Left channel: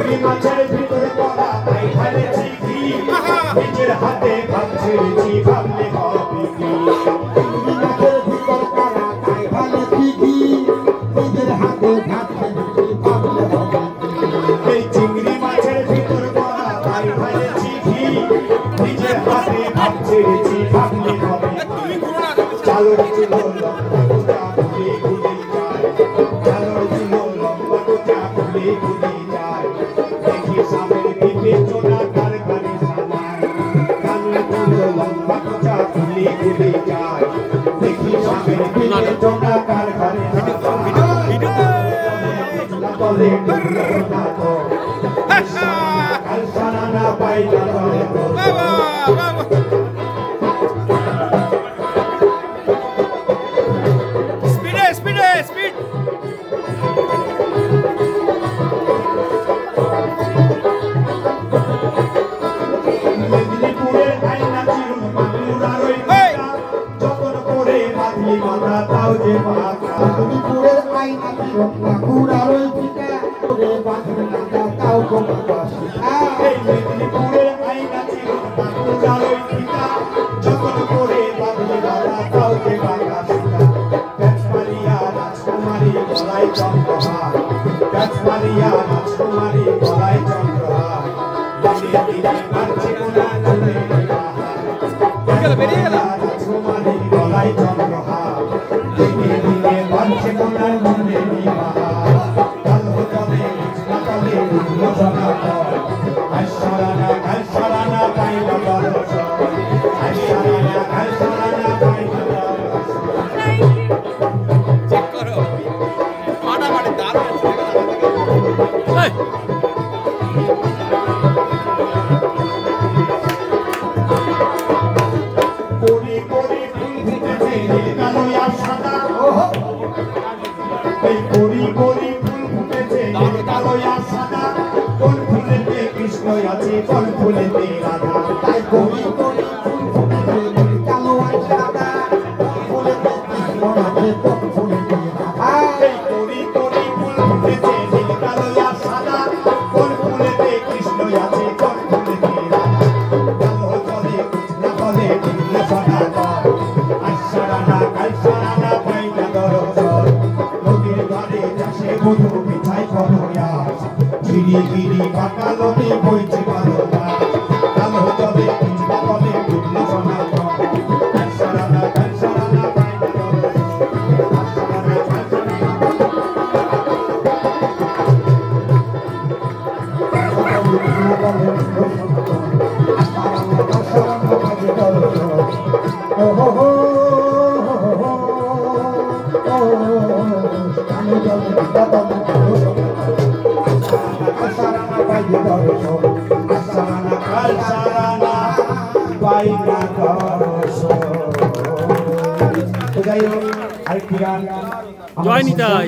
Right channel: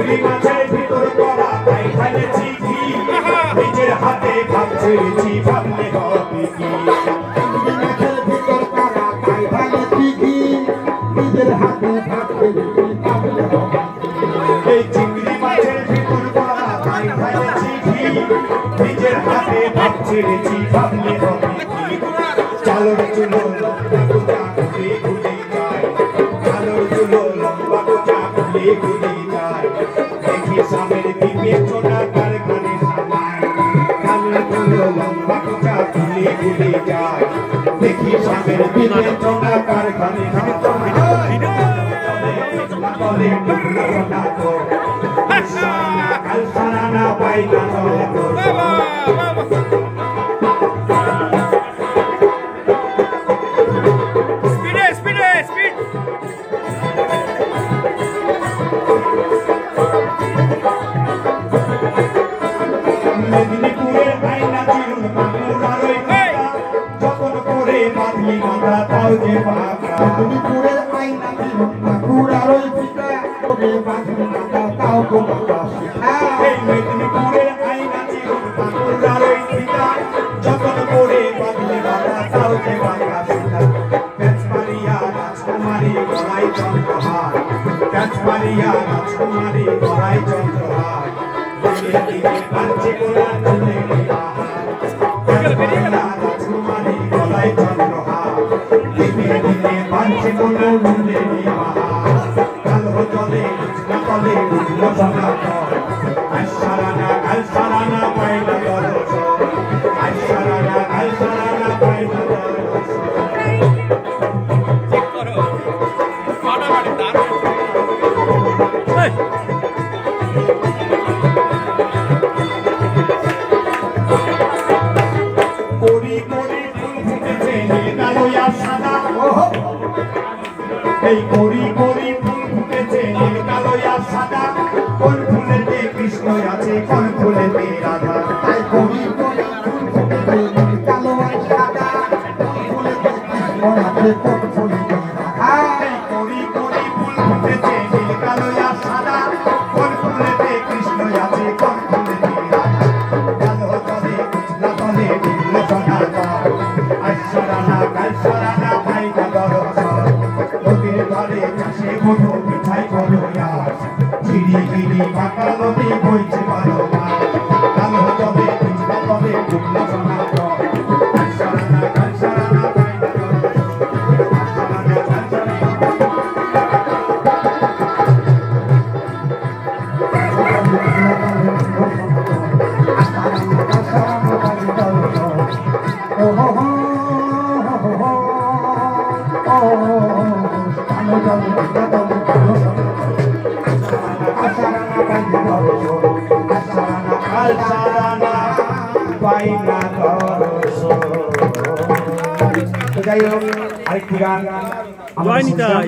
চিংড়ি মাছের ভিতর করা তাই ঢালেছি ঘি নিজের হাতে ভাব ছেড়েছি ভাবলে হবে কি চিংড়ি মাছের ভিতর করা তাই ঢালেছি ঘি নিজের হাতে ভাব ছেড়েছি ভাবলে হবে এই চিংড়ি মাছের ভিতর করা তাই ঢালেছি ঘি নিজের হাতে ভাব ছেড়েছি ভাবলে হবে চালর চুলো লম্বা গোটা ঘুরে ঘুরে যায় চালর চুলো লম্বা গোটা ঘুরে ঘুরে যায় দেখি সামের বিবেচনা কার কানে সামায় চালর চুলো লম্বা গোটা ঘুরে ঘুরে যায় দেখি সামের বিবেচনা কার কানে বলে না তো কাল সারা না পাই না মেদিনীপুরের আইনা চিরুন বাংলার ওই যখন করে বাঁধলি মাথা তাও যে পাকা মেদিনীপুরের আইনা চিরুন বাংলার ওই পিতা করে বাঁধলি মাথা তাও কোনো বাসা এই মেদিনীপুরের আইনা চিরুন বাংলার ওই পিতা যখন করে বাঁধলি মাথা তাও যে পাকা পেছমারিয়া রাজকুমারী গলায় চন্দ্রহার পেছমারিয়া রাজকুমারী গলায় চন্দ্রহার দিনে দিনে বাড়ছে কোনা চলে রাজকুমারী গলায় চন্দ্রহার দিনে দিনে বাড়ছে কোনা মনে কাল হতলে না কলে উঠল সনাতন কাল সারানা পাইলা বরস কাল সারানা পাইলা বরস করি করি ফুল ফুটেছে কালো আর সাদা এই করি করি ফুল ফুটেছে কালো আর সাদা কোন ফুলেতে কৃষ্ণ আছে কোন ফুলেতে রাধা তাই করি করি ফুল ফুটেছে কালো আর সাদা ফুলেতে কৃষ্ণ আছে কোন ফুলেতে রাধা এই করি করি ফুল ফুটেছে কালো আর সাদা কোন ফুলেতে কৃষ্ণ আছে কোন ফুলেতে রাধা কালো জলে কৃষ্ণ জলে ঢুকল সনাতন কাল সারানা পাইলা দর্শন নদীর ঘরে চাষে কোনো মিঠাই কোনো ইয়াস ঝিরি ঝিরি পাকা নদী বইছে ভালো মাছ কালো জলে কৃষ্ণ জলে ঢুকল সনাতন কাল সারানা পাইলা যাই হোক আরেকটি গান জয় নিতাই।